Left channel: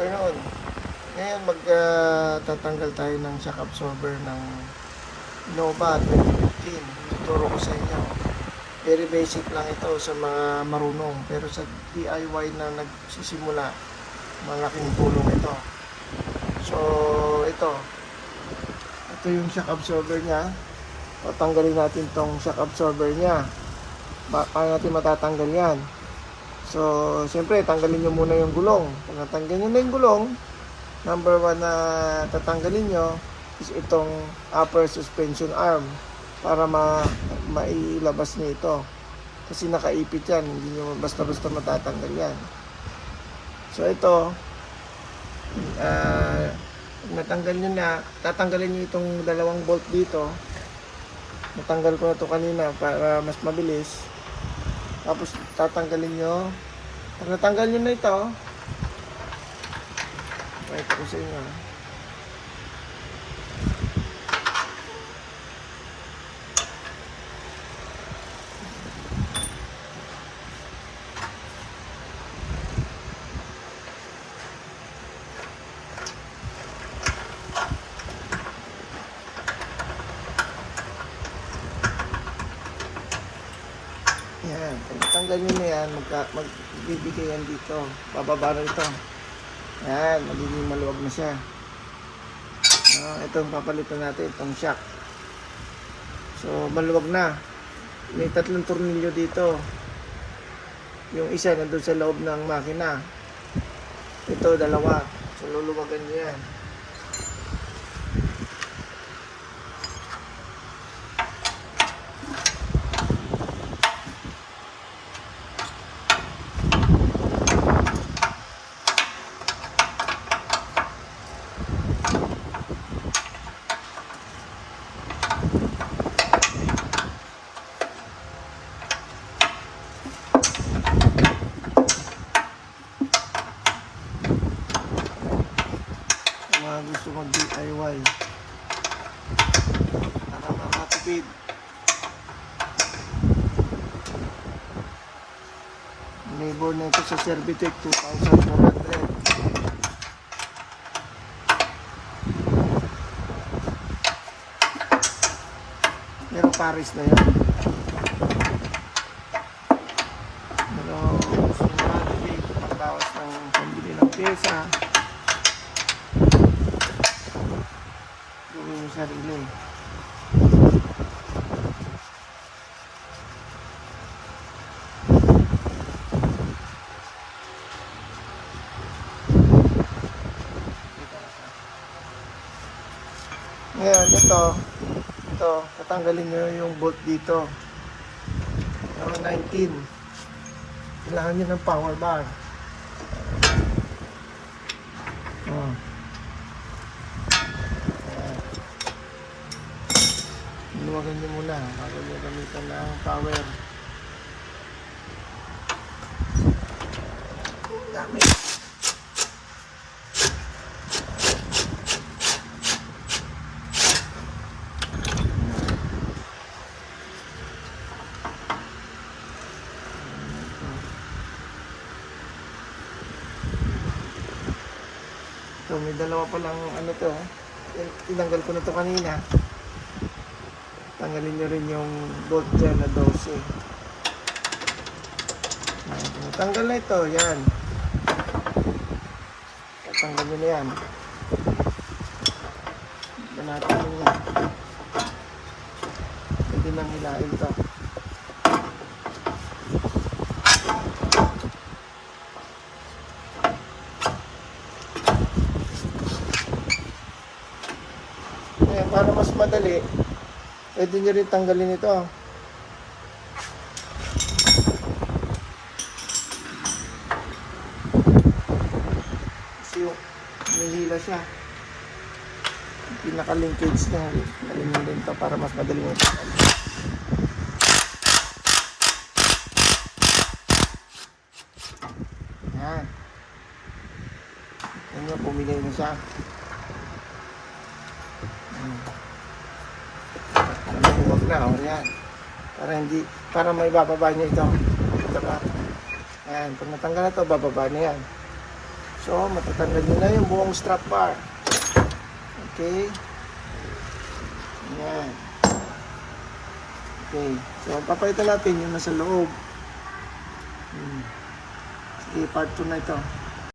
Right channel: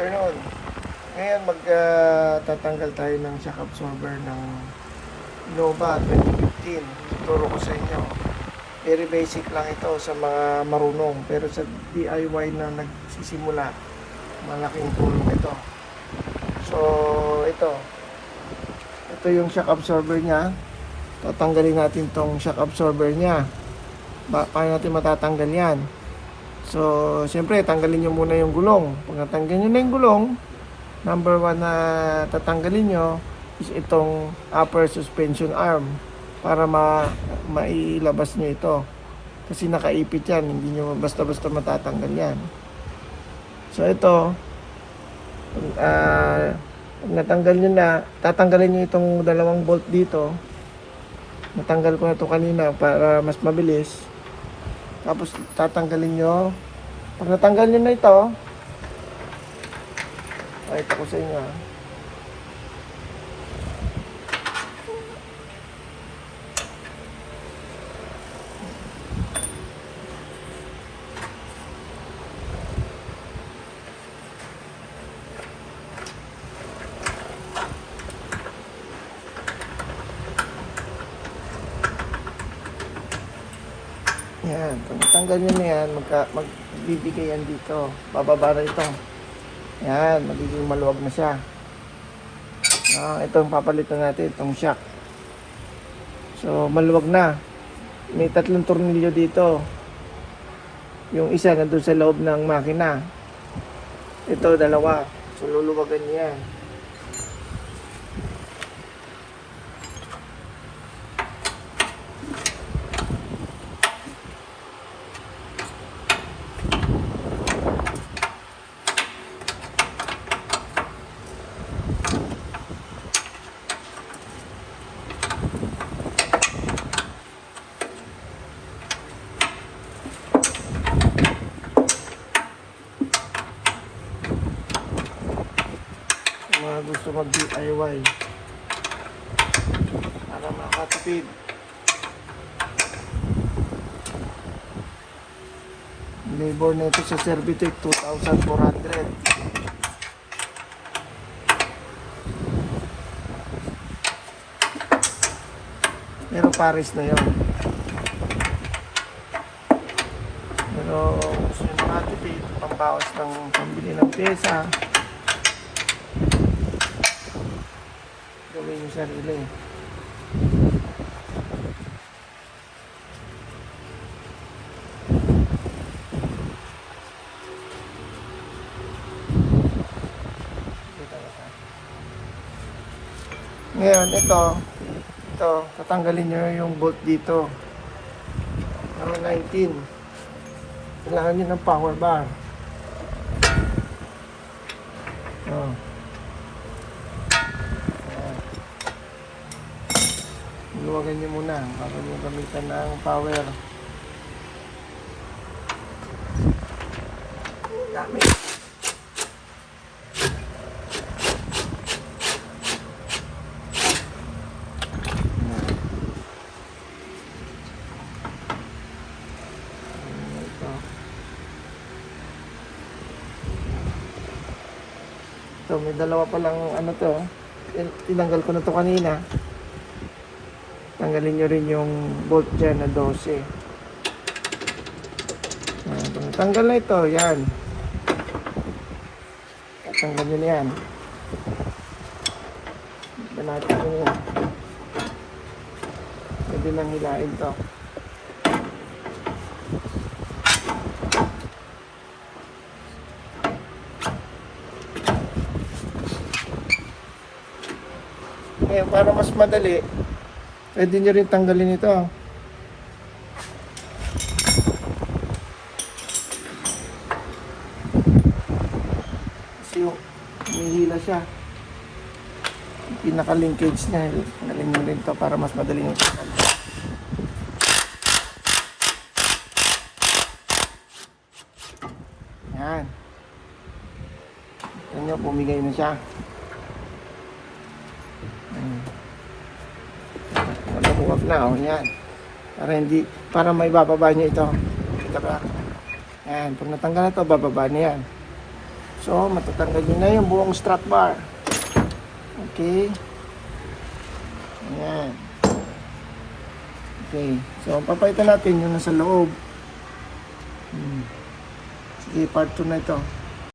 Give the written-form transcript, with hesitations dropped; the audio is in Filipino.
afternoon. Ngayon magtatanggal tayo ng shock absorber ng Innova 2015. Tuturo ko sa inyo. Very basic lang ito sa mga marunong. Pero sa DIY na nagsisimula, malaking tulong ito. So, ito yung shock absorber niya. Tatanggalin natin tong shock absorber niya. Paano natin matatanggal yan? So, siyempre, tanggalin nyo muna yung gulong. Kung natanggalin nyo na yung gulong, number 1 na tatanggalin nyo is itong upper suspension arm para mailabas nyo ito. Kasi nakaipit yan, hindi nyo basta-basta matatanggal yan. So, ito, natanggal nyo na, tatanggalin nyo itong dalawang bolt dito. Natanggal ko na ito kanina para mas mabilis. Tapos tatanggalin nyo. Pag natanggal nyo na ito, pakita ko sa inyo. Yan, kung tanggal nyo na yan, magbibigay yan dito. Bababa na ito. Yan, magiging maluwag na siya. Itong papalitan natin, itong shock. So, maluwag na. May 3 tornilyo dito. Yung isa nandun sa loob ng makina. Ito, 2. So, luluwagan nyo yan. Gusto mag-DIY para makatipid. Labor na ito sa Servitec 2,400. Pero Paris na yun. Pero gusto nyo makatipid, pambawas ng pambili ng pyesa. Gawin yung sarili. Ngayon, ito, tatanggalin nyo yung bolt dito. Para 19. Kailangan nyo ng power bar. Luwagan nyo muna para may gamitan na ang power. Dami. So, may 2 pa lang ano to. Tinanggal ko na to kanina. Tanggalin nyo rin yung bolt dyan na 12. Tanggal na ito, yan. Tanggalin nyo yan. Ganapin nyo yan. Pwede lang hilain ito. Para mas madali, pwede nyo rin tanggalin ito. Kasi may hila siya. Pinaka-linkage na yun. Tanggalin mo rin ito para mas madali nito. Yan. Yan, pumigay na siya. Huwag na, yan. Para may bababa nyo ito. Yan, kung natanggal na ito, bababa na yan. So, natatanggal nyo na yung buong strap bar. Okay. Ayan. Okay. So, papalitan natin yung nasa loob. Sige, part 2 na ito.